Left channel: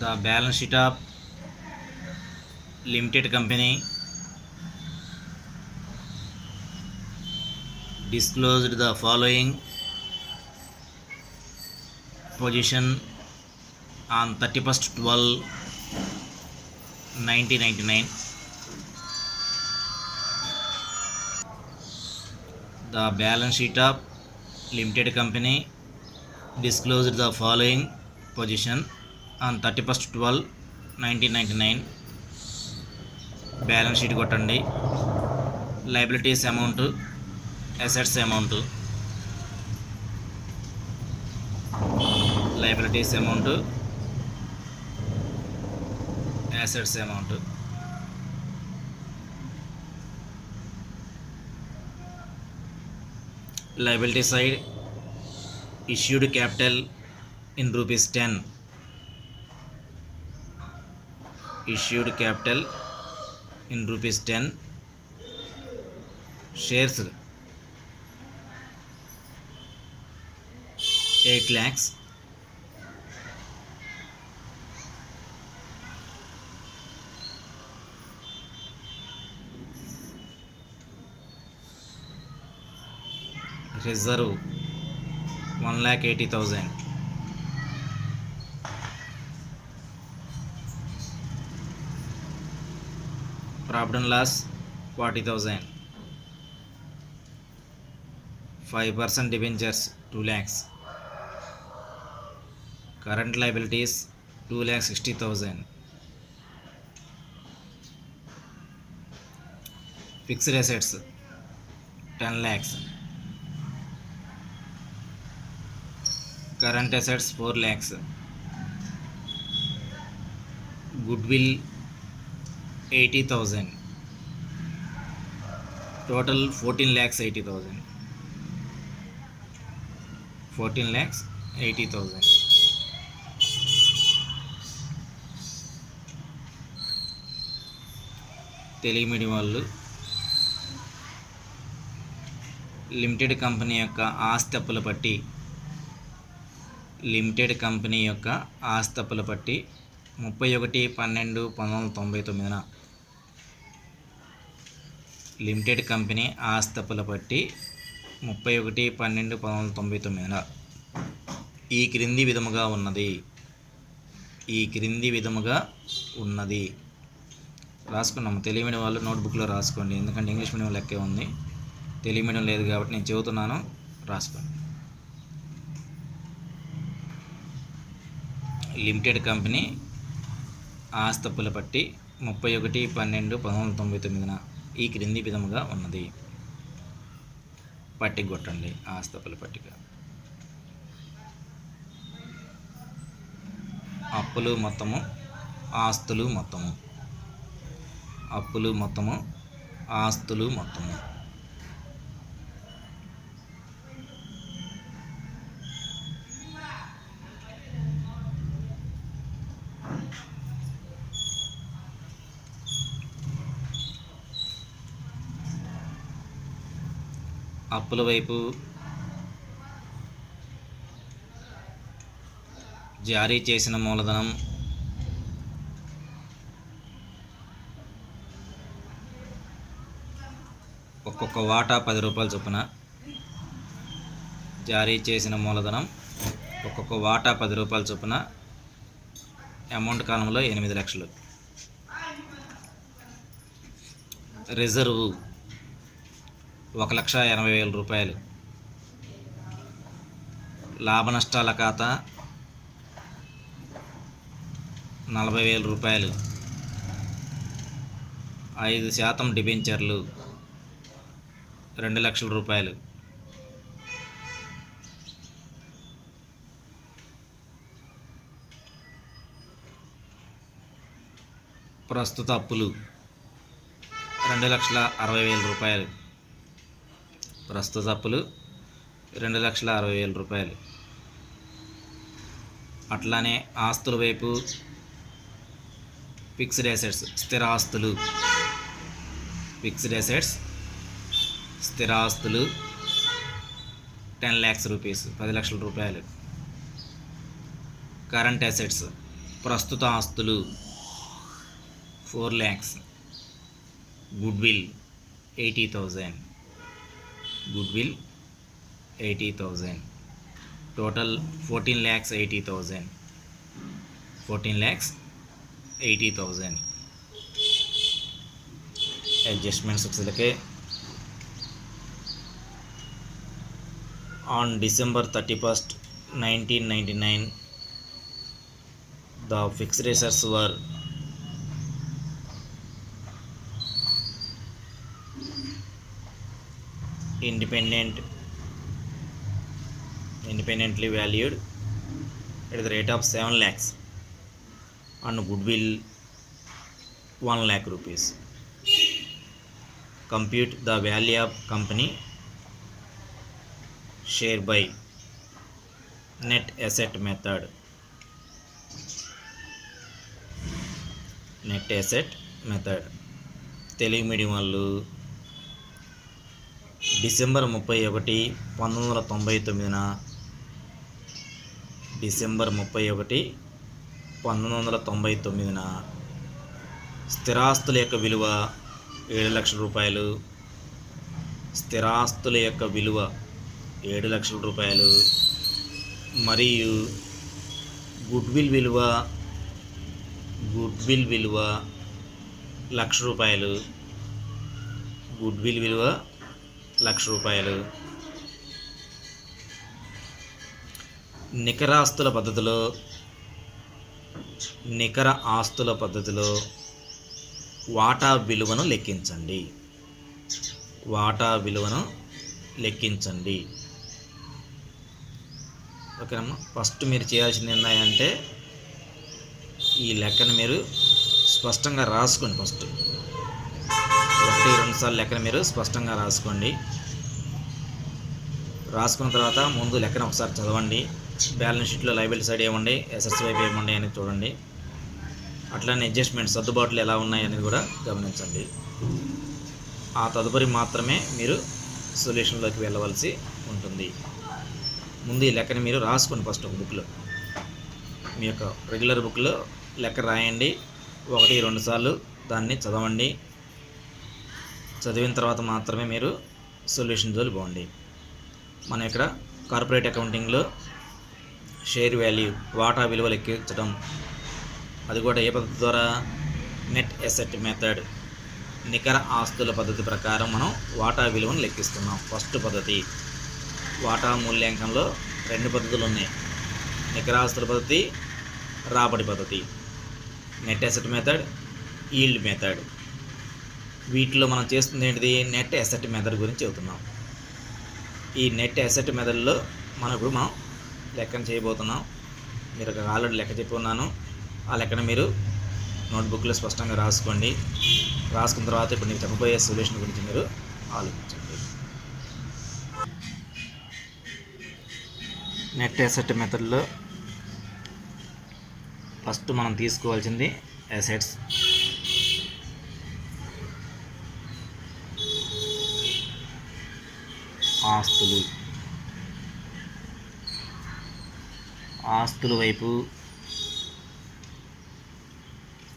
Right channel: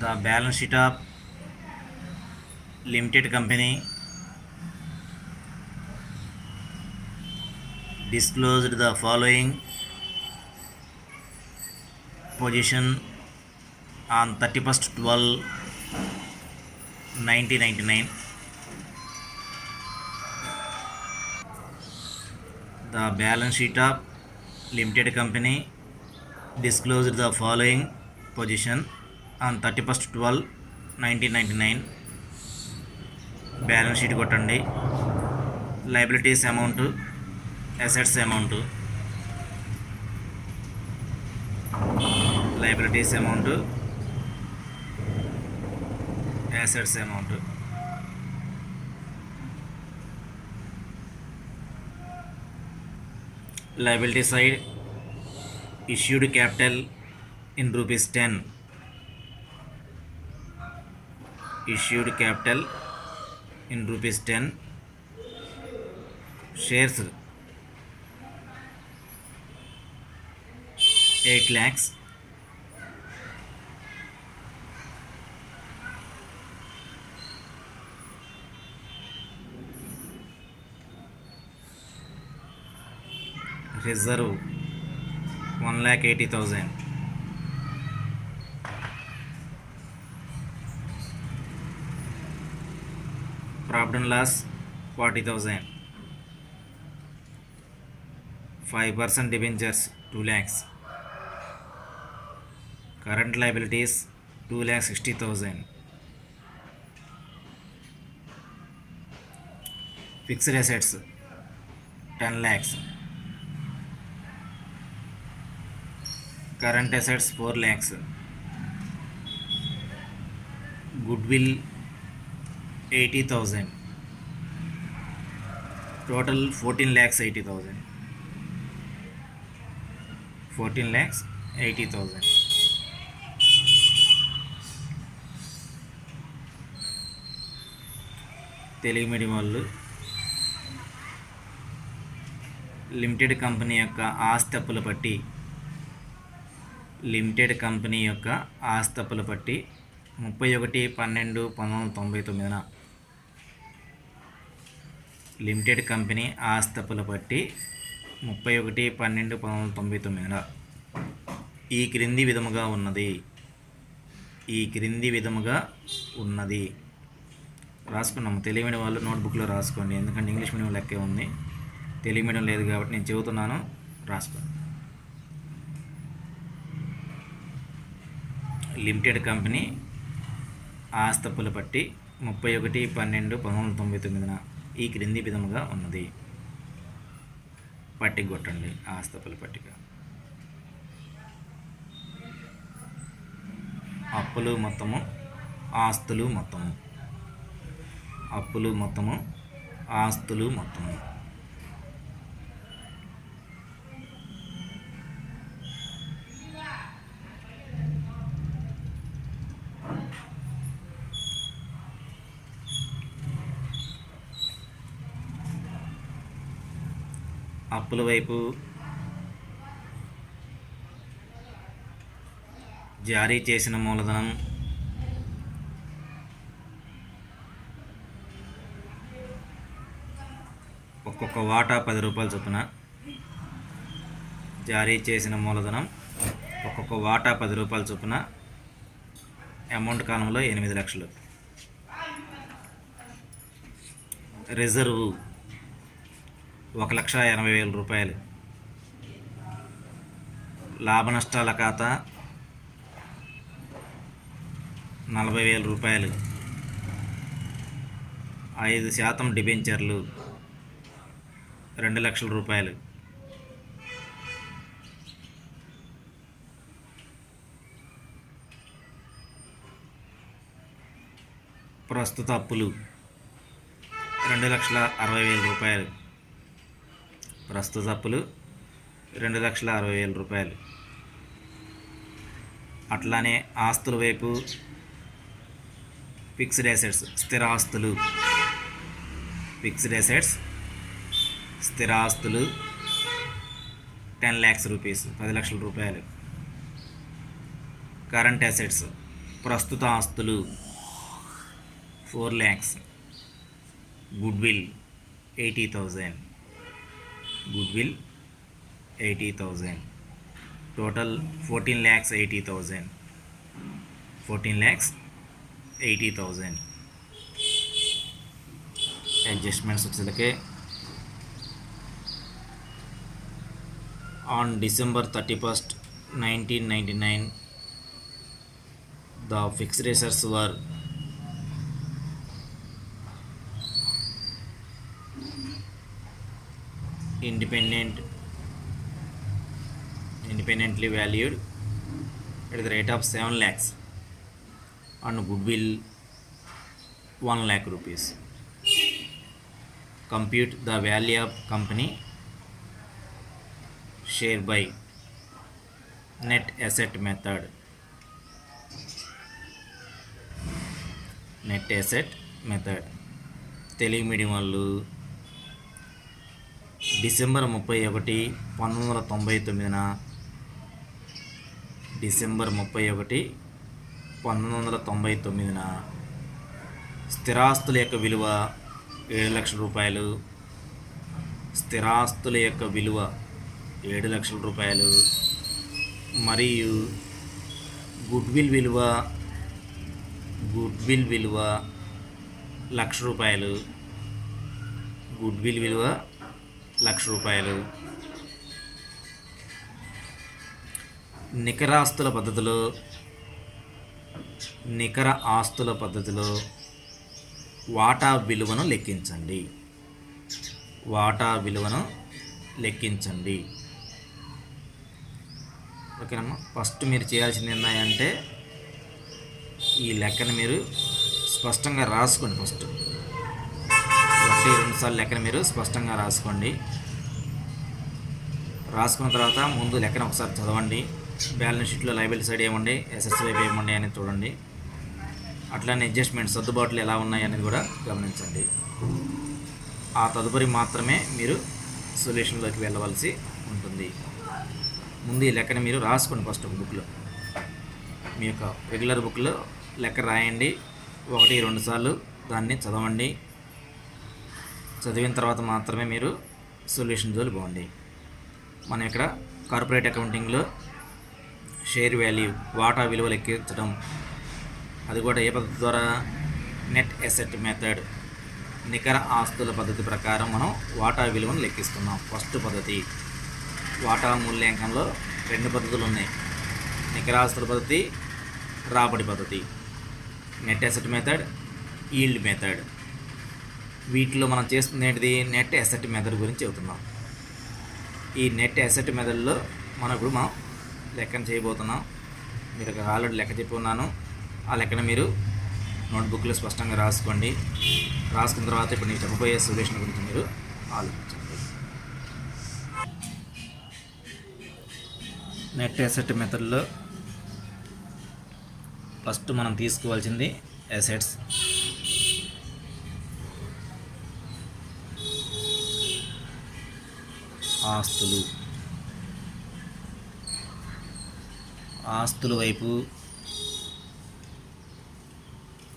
The balance sheet of limited company disclosed the following position on 31st 12/1999. The balance sheet of limited company disclosed the following position on 31st 12/1999. Balance sheet కొట్టండి. Liabilities amount, assets amount. Liabilities amount, assets amount. Liability side issued capital in rupees 10. Issued capital in rupees 10. Shares 8 lakhs. Reserve 1,80,000. Profit and loss 40,000. 5% debentures 2 lakhs. Current liabilities 2,60,000. Fixed assets 10 lakhs. Current assets 4 lakhs. Goodwill 80,000. Total 14,80,000. 14,80,000. Telugu medium వాళ్ళు limited company యొక్క ఆస్తి పట్టి limited company యొక్క ఆస్తప్పుల పట్టి 31/12/1999 limited company ఆస్తప్పుల పట్టి 31/12/1999 ఈ క్రింది విధముగా ఉన్నది. రాసుకున్నాము. తెలుగు మీడియం వాళ్ళు నోట్బుక్లో రాసుకోండి, ఎందుకంటే ఇంగ్లీష్ మీడియం లెక్కే ఉంది. తెలుగు మీడియం లేదు కాబట్టి నేను చెబుతున్నాను, రాసుకోండి. లిమిటెడ్ కంపెనీ ఆస్తప్పుల పట్టి 31/12/1999 ఈ క్రింది విధముగా ఉన్నది. పట్టిక కొట్టండి. ఆస్తప్పుల పట్టిక. అప్పులు మొత్తము, ఆస్తులు మొత్తము. అప్పులు మొత్తము, ఆస్తులు మొత్తము. అప్పుల వైపు జారీ చేసిన మూలధనం ఒక్కొక్క వాటా 10 రూపాయల చొప్పున. జారీ చేసిన మూలధనం ఒక్కొక్క వాటా 10 రూపాయల చొప్పున. అమౌంట్ కాలంలో 8 లక్షలు. రిజర్వ్ 1,80,000 రూపాయలు. లాభ నష్టాల ఖాతా 40,000 రూపాయలు. 5% డిబెంచర్లు 2 లక్షల రూపాయలు. ప్రస్తుత అప్పులు 2,60,000 రూపాయలు. ప్రస్తుత అప్పులు 2,60,000 రూపాయలు. అట్లానే ఆస్తుల వైపు ఫిక్స్డ్ అసెట్స్ స్థిరాస్తులు. ఫిక్స్డ్ అసెట్స్ స్థిరాస్తులు 10 lakhs రూపీస్ 10 లక్షల రూపాయలు. కరెంట్ అసెట్స్ ప్రస్తుత ఆస్తులు 4 lakhs, goodwill 80,000, goodwill 80,000, total 14,80,000, 14,80,000. Adjustments వచ్చేసరికి on December 31st, 1999 the fixed assets were independently valued at the rate of 7 lakhs and goodwill 1 lakh rupees. Compute the value of company share by net asset method. Net asset method. Telugu medium వాళ్ళు December 31, 1999 స్థిరాస్తుల యొక్క విలువ 7 లక్షల రూపాయలు, స్థిరాస్తుల యొక్క విలువ 7 లక్షల రూపాయలు మరియు గుడ్విల్ విలువ 1,00,000 రూపాయలు, గుడ్విల్ విలువ 1,00,000 రూపాయలు. నికర ఆస్తుల పద్ధతిలో వాటా విలువను లెక్కించండి. ఓకేనమ్మా. ఫస్ట్ మీరు చేయాల్సింది ఏంటంటే ఈ లెక్కను మీరు స్పష్టంగా రాసుకోండి. ఫస్ట్ 1-2 సార్లు లెక్కను మీరు స్పష్టంగా రాసుకోండి. రాసుకున్న తర్వాత ముందు లెక్కను ఒకసారి చదవండి. బ్యాలెన్స్ షీట్లో లయబిలిటీ సైడ్ ఏముంది, అసెట్స్ వైపు ఏముంది అనేది చూడండి. అట్లానే అడ్జస్ట్మెంట్ సర్దుబాట్లు ఎలా ఉన్నాయి అనేది కూడా గమనించండి. ఆ తదుపరి మాత్రమే మీరు సొల్యూషన్లోకి వెళ్ళవలసి ఉంటుంది. ముందు ఈ లెక్కను మీరు రాసుకోండి. ఫస్ట్ ఒక బుక్లో, మీ యొక్క రెగ్యులర్ బుక్లో లెక్క రాయండి. 1-2 సార్లు దాన్ని చదవండి. చదివిన తర్వాత మాత్రమే మీరు సొల్యూషన్ జోలి పోండి. మనం ఇక్కడ కార్పొరేట్ అకౌంటింగ్లో షేర్ వాల్యూ వాటా విలువ లెక్కించడం, అది కూడా ఏ పద్ధతి ద్వారా, నెట్ అసెట్ మెథడ్, నికర ఆస్తుల పద్ధతి ప్రకారం మనం వాటా విలువను లెక్కిస్తున్నాం. ఫస్ట్ పద్ధతి వాటా మూల్యాంకంలో 2 పద్ధతులు ఉన్నాయి. నికర ఆస్తుల పద్ధతి, రాబడి పద్ధతి. Net asset method, yield method. వీటిలో మనం చేస్తుంది ఏంటిది, నెట్ అసెట్ మెథడ్ గురించి చెబుతున్నాం. ఈ నెట్ అసెట్ మెథడ్లో మనం లెక్కను చేయబోతున్నాం. మీరు ఆల్రెడీ లెక్క చెప్పి ఉన్నాను. ఆ లెక్కను మీరు నోట్బుక్లో స్పష్టంగా రాసుకోండి. రాసుకున్న తర్వాత ఇప్పుడు నేను చెప్పబోయే సొల్యూషన్ గురించి మీరు ఆలోచించండి. నెట్ అసెట్ మెథడ్లో ఫస్ట్ మనం తీసుకోవాల్సింది అసెట్స్. ఆస్తుల వైపు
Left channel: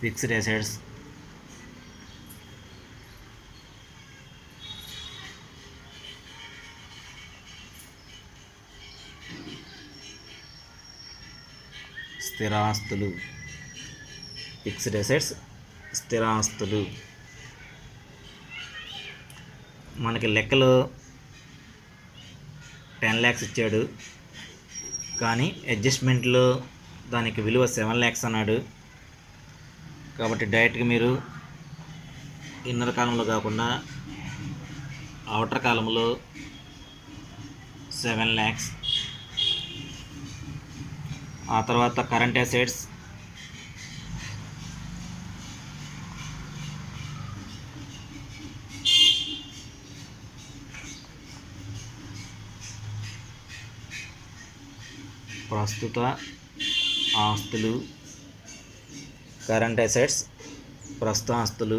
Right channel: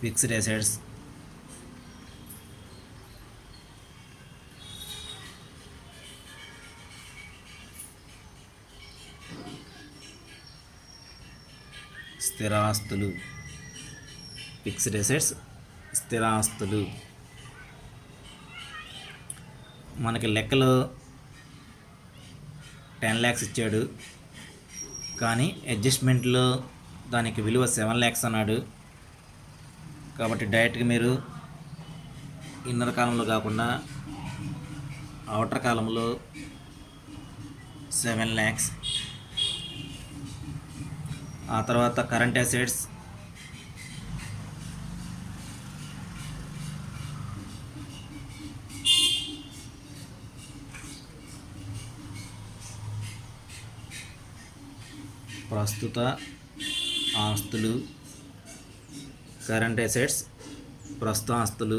ఫిక్స్డ్ అసెట్స్, స్థిరాస్తులు. ఫిక్స్డ్ అసెట్స్, స్థిరాస్తులు. మనకి లెక్కలో 10 lakhs ఇచ్చాడు, కానీ అడ్జస్ట్మెంట్లో దానికి విలువ 7 lakhs అన్నాడు. కాబట్టి డైరెక్ట్గా మీరు ఇన్నర్ కాలంలో కాకుండా అవుటర్ కాలంలో 7 lakhs, ఆ తర్వాత కరెంట్ అసెట్స్, ప్రస్తుత ఆస్తులు, కరెంట్ అసెట్స్, ప్రస్తుత ఆస్తులు.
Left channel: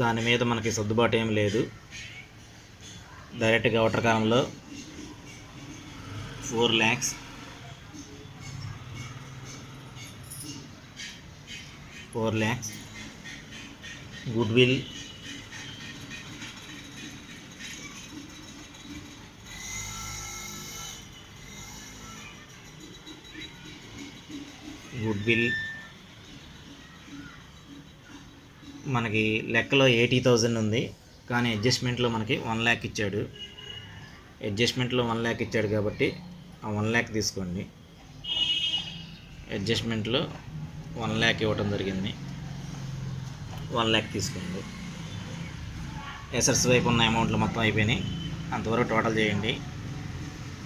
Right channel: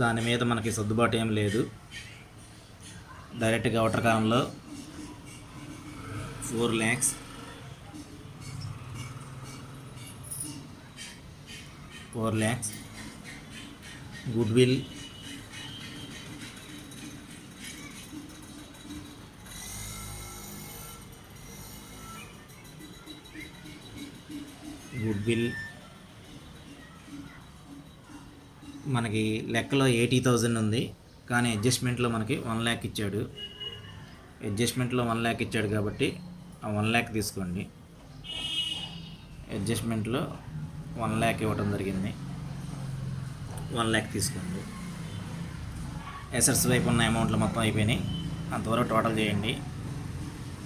దాని మీద మనకి సర్దుబాటు ఏం లేదు. డైరెక్ట్గా అవుటర్ కాలంలో 4 lakhs, 4 lakhs. Goodwill మనకి లెక్కలో 80,000 ఉంది, కానీ అడ్జస్ట్మెంట్లో మనకి 1 lakh ఇచ్చాడు. అడ్జస్ట్మెంట్లో 1 lakh ఇచ్చాడు కాబట్టి ఆ 1 lakh తీసుకోండి. అడ్జస్ట్మెంట్లో 1 lakh ఇవ్వటం జరిగింది, 1 lakh తీసుకోండి. ఎసెట్స్ వైపు ఉన్న అమౌంట్లు మొత్తం అయిపోయినాయి. అంతవరకు టోటల్ చేయండి.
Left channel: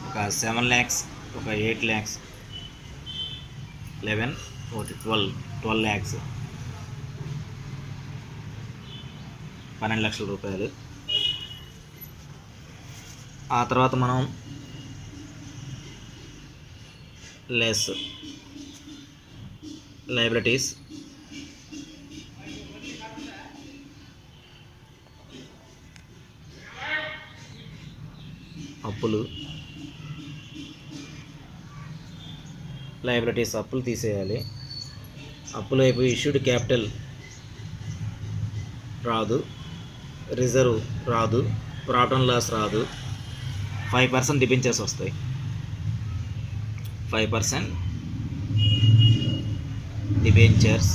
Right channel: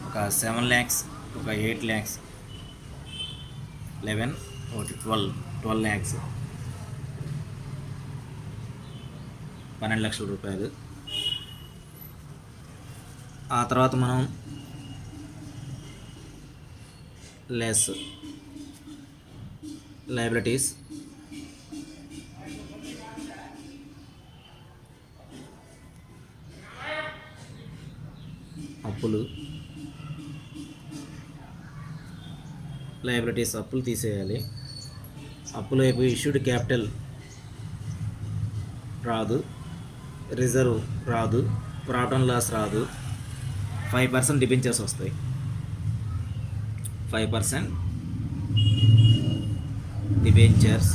ఒక 7 lakhs, ఒక 8 lakhs, 11, ఒకటి 12 lakhs, 12 లక్షల రూపాయలు. ఆ తర్వాత మనం లెస్ లయబిలిటీస్, అప్పులు, లయబిలిటీస్ అప్పులు తీసేయాలి. అప్పులు అయిపోయి ఇష్యూడ్ క్యాపిటల్ రాదు, రిజర్వ్ రాదు, ప్రాఫిట్ అండ్ లాస్ రాదు. 5% డిబెంచర్స్ వస్తాయి. 5% డిబెంచర్స్,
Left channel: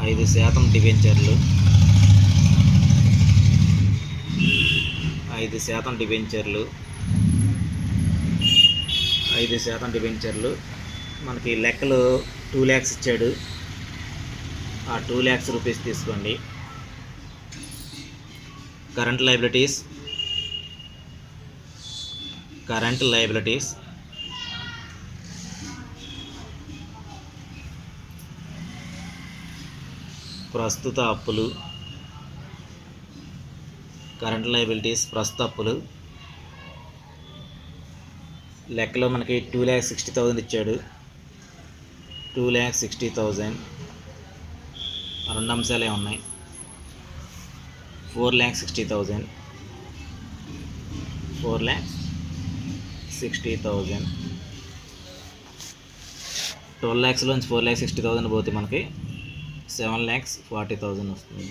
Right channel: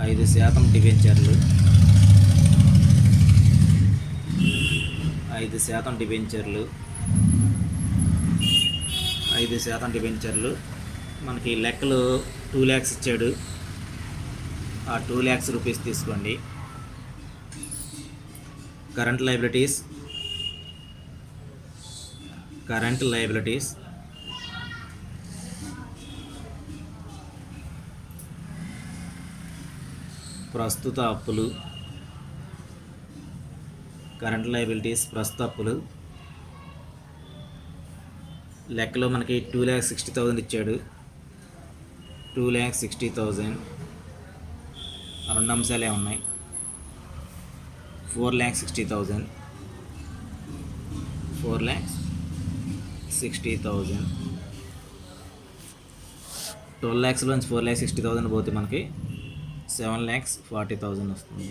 5% డిబెంచర్లు, 5% డిబెంచర్లు, 5% డిబెంచర్లు. మనకి లెక్కలు 2 lakhs ఇచ్చాడు. ఆ 2 lakhs రూపీస్ తీసుకోండి. కరెంట్ లయబిలిటీస్, ప్రస్తుత అప్పులు, కరెంట్ లయబిలిటీస్ ప్రస్తుత అప్పులు. లెక్కలో మనకి 2,60,000 ఇచ్చాడు. 2,60,000 రెండు అంశాలే ఉన్నాయి. 4,60,000, 4,60,000. 12 lakhsలోంచి 4,60,000 పోతే మనకి 7,40,000 వస్తుంది.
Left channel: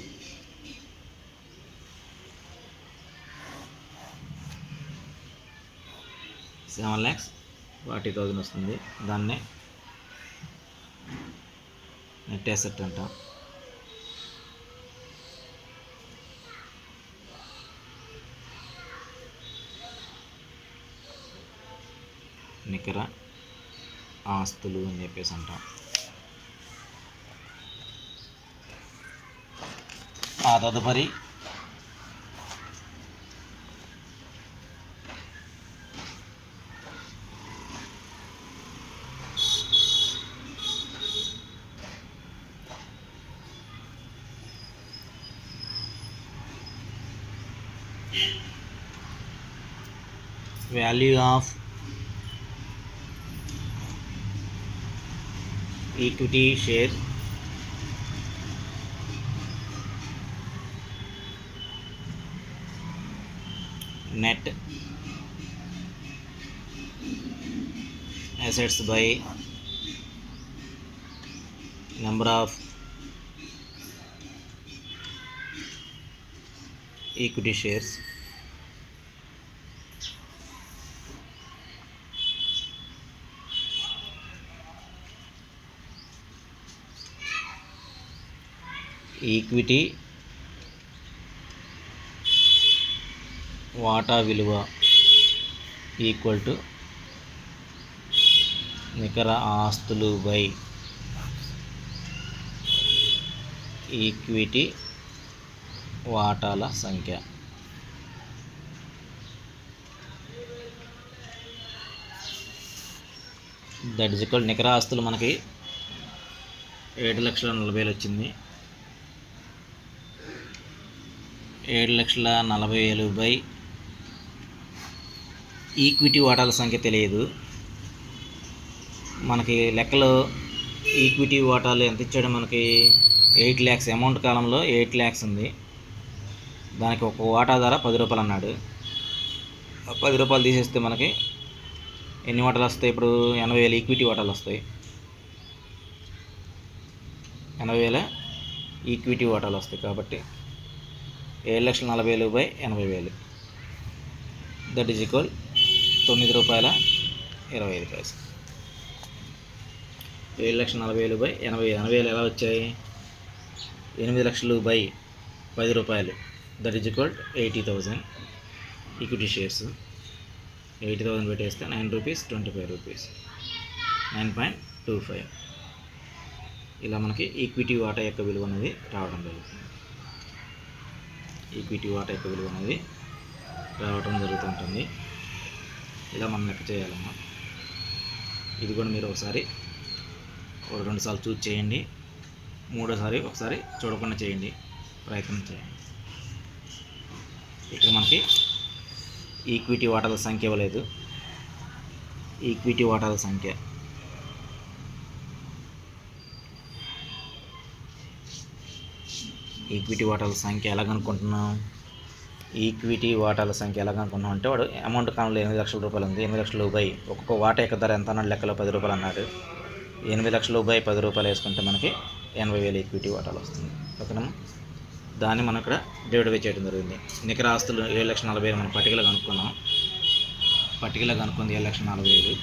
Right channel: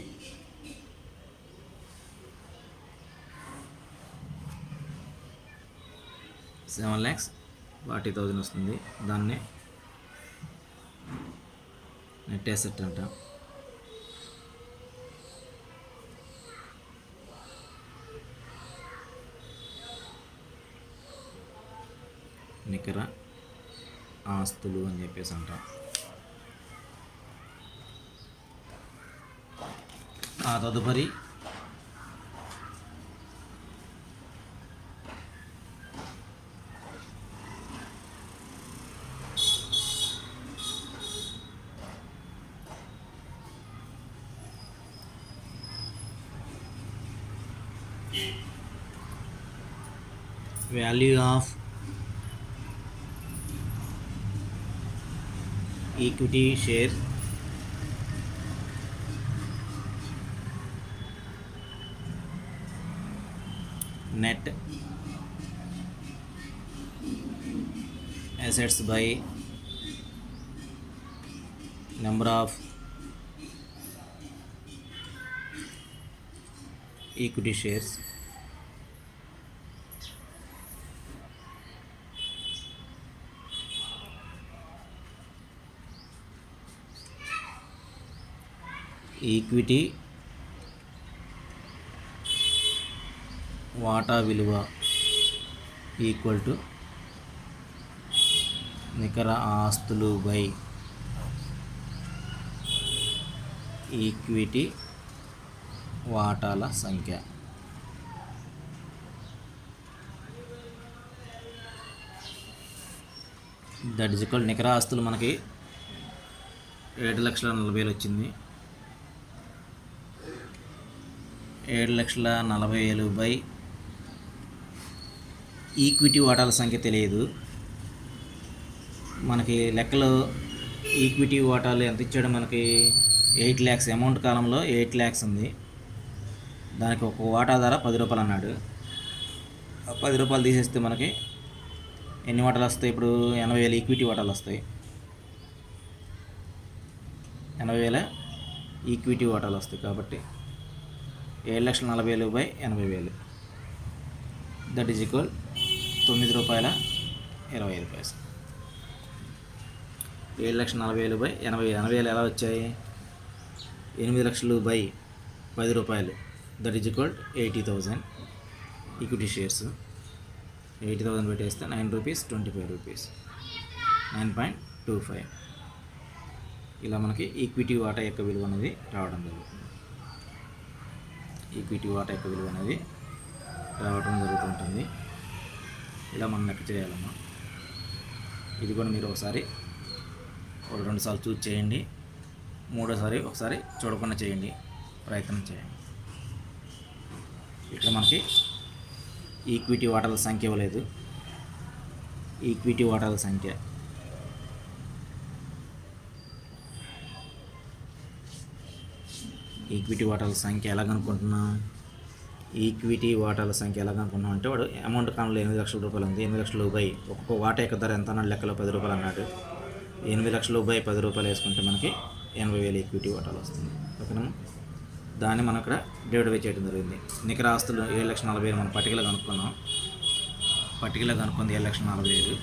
$7,40,000 వస్తుంది. దాన్నే నెట్ అసెట్ అంట. నికర ఆస్తులు అని చెప్పేసి అంటాం. ఆ తదుపరి value of equity share, net assets by number of equity shares. Equity వాటా విలువ ఈక్వల్ టు నికర ఆస్తులు బై ఈక్విటీ వాటాల సంఖ్య. దట్ ఈజ్ ఈక్వల్ నికర ఆస్తులు మనకి 7,40,000 వచ్చింది. 7,40,000 బై ఈక్విటీ వాటాల సంఖ్య తెలియదు మనకి. లెక్కలో ఈక్విటీ వాటాలు ఎంత ఇచ్చాడో మనకి 8 lakhs అమౌంట్ కాలంలో 8 lakhs ఉంది. దానికి ఒక వాటా ధర 10 రూపాయలు అన్నాడు. 10 రూపాయలు తీసేస్తే మనకి ఎన్ని వాటాలు వస్తాయి? ఇప్పుడు 80,000 ఈక్విటీ వాటాలు వస్తాయి. 80,000 ఈక్విటీ వాటాలు వస్తాయి కాబట్టి 7,40,000 by 80,000 that is equal ₹9.25. 7,40,000 by 80,000. 80,000 ఎలా వచ్చాయి? 8 లక్షలు by ₹10 that is equal 80,000 equity shares. 80,000 పెట్టేస్తే ₹9.25 9.25. ఇలా మనకి ఈక్విటీ వాటా యొక్క విలువ అనేది రావడం జరుగుతుంది. ఈక్విటీ వాటా యొక్క విలువ అనేది రావడం జరుగుతుంటుంది. ఇలా మనం లెక్క చేయాలమ్మా. ఇది కూడా మీరు ఒకసారి 2 సార్లు చూసి చేయండి. మూడోసారి ఒకసారి చూడకుండా చేయండి, ప్రయత్నం చేయండి. ఇక్కడ మనకి ఈక్విటీ వాటాల సంఖ్య ఇవ్వలేదు. ఈక్విటీ వాటాల సంఖ్య ఎలా కనుక్కుంటున్నాం? ఈక్విటీ వాటాల సంఖ్య ఎలా కనుక్కుంటున్నాం అంటే వాడు అమౌంట్ కాలంలో ₹8 లక్షల ఉంది. 8 లక్షలు బై ఒక్కొక్క వాటా యొక్క ధర ఎంత అన్నాడు? లెక్కలో ₹10 అన్నాడు. 8 లక్షలు బై ₹10 వేసుకుంటే మనకి 80,000 ఈక్విటీ వాటాలు వస్తుంది. ఓకేనా? దాన్ని మనం ఇక్కడ డివైడ్ బై చేయడం జరిగింది. నికర ఆస్తులు 7,40,000 మనం పట్టికలో కనుక్కున్నాం. పట్టికలో కనుక్కుంది 7,40,000.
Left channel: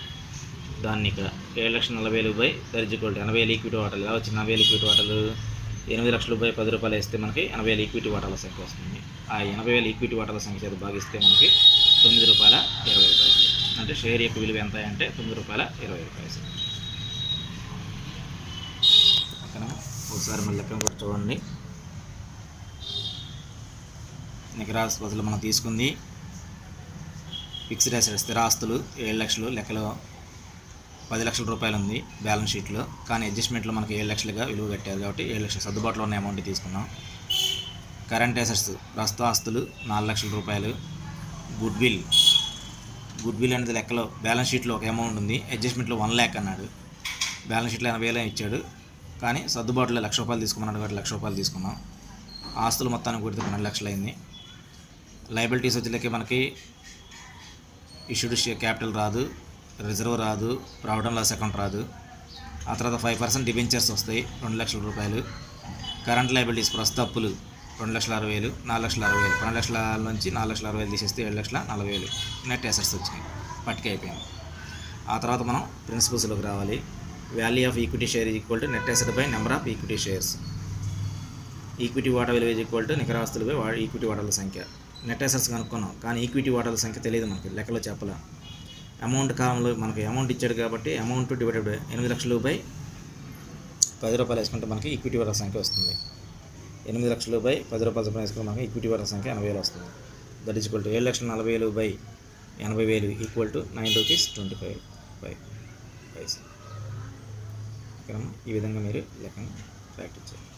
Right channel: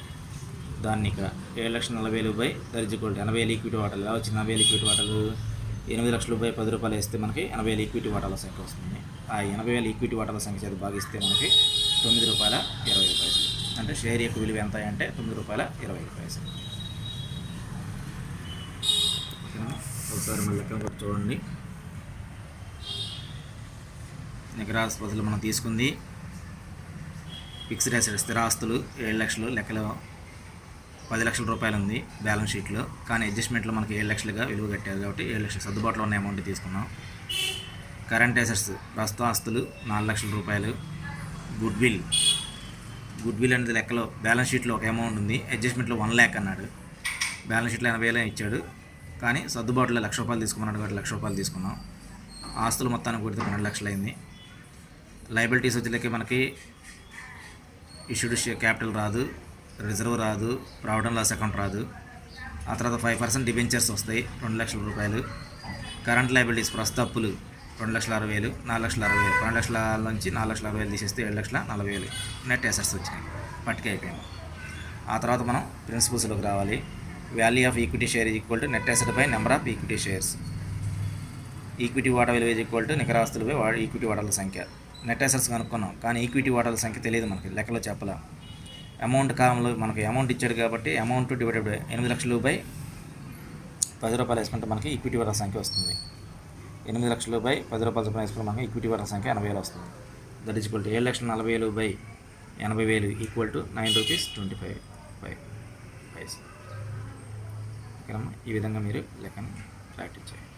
దాన్ని ఇక్కడ 7,40,000 బై దరిజుకోల్డ్ 80,000 ఈక్విటీ వాటాలు. ఎలా వచ్చింది 80,000 ఈక్విటీ వాటాలు? 8 లక్షలు బై ₹10 వేస్తే మనకి 80,000 ఈక్విటీ వాటాల సంఖ్య వస్తుంది. ఆ 80,000 ఈక్విటీ వాటాల సంఖ్య చేత భాగిస్తే మనకి ₹9.25. అంటే షేర్ యొక్క విలువ ఎంత అంటే ₹9.25. ఓకేనా? ఒకసారి మళ్ళీ లెక్కను కూడా చూడండి. నికర ఆస్తులు మనం తీసుకుంది ఫిక్స్డ్ అసెట్స్ స్థిరాస్తులు 7 లక్షలు, లెక్కలో ₹10 లక్షల ఉంది బ్యాలెన్స్ షీట్లో. కానీ అడ్జస్ట్మెంట్లో మనకి 7 లక్షలుగా విలువ కట్టారు కాబట్టి 7 లక్షలు సర్దుబాటులో ఉన్న అమౌంట్ తీసుకున్నాం. కరెంట్ అసెట్స్ ప్రస్తుత ఆస్తులు ₹4 లక్షల. గుడ్ విల్ అనేది లెక్కలో బ్యాలెన్స్ షీట్లో ఒక అమౌంట్ ఉంది, అడ్జస్ట్మెంట్లో 1 lakh అన్నాడు. బ్యాలెన్స్ షీట్లో 80,000 ఇచ్చాడు, కానీ సర్దుబాటులో ₹1,00,000 తీసుకున్నాడు కాబట్టి ₹1,00,000 తీసుకున్నాం. ఆస్తులు మొత్తానికి కొడితే 12 లక్షలు అయింది. లయబిలిటీస్ వచ్చేసరికి మనకి ఇష్యూడ్ క్యాపిటల్ రాదు, రిజర్వ్ రాదు, ప్రావిడెంట్ లాస్ అకౌంట్ రాదు. ఆ తర్వాత 5% డిబెంచర్స్ వస్తాయి ₹2 లక్షలు. కరెంట్ లయబిలిటీస్ ప్రస్తుత అప్పులు 2,60,000, 4,60,000. 12 లక్షల నుంచి 4,60,000 తీసేస్తే 7,40,000 నెట్ అసెట్స్ వచ్చినాయి. పట్టిక అయిపోయింది. ఆ తర్వాత మనం ప్రిన్సిపల్స్లోకి రావాలి. Value of equity share is equal to net asset by number of equity shares. Equity వాటా విలువ ఈజ్ ఈక్వల్ టు నికర ఆస్తులు బై ఈక్విటీ వాటాల సంఖ్య. నెట్ అసెట్స్ కనుక్కున్నాం, కానీ ఈక్విటీ వాటాల సంఖ్య తెలియదు మనకి, లెక్కలో చెప్పలా. అమౌంట్ కాలంలో మనకి అమౌంట్ ఇచ్చాడు కాబట్టి అమౌంట్ డివైడెడ్ బై 8 లక్షలు బై ₹10 వేసుకుంటే మనకి ఈక్విటీ వాటాల సంఖ్య వస్తుంది. 8 లక్షలు బై ₹10 చొప్పున వేసుకుంటే మనకి ఈక్విటీ వాటాల సంఖ్య 80,000 వస్తుంది. That is equal to 7,40,000 by 80,000 equal to ₹9.25. ఓకేనమ్మా? ఈ విధంగా మీరు లెక్కను ప్రాక్టీస్ చేయండి.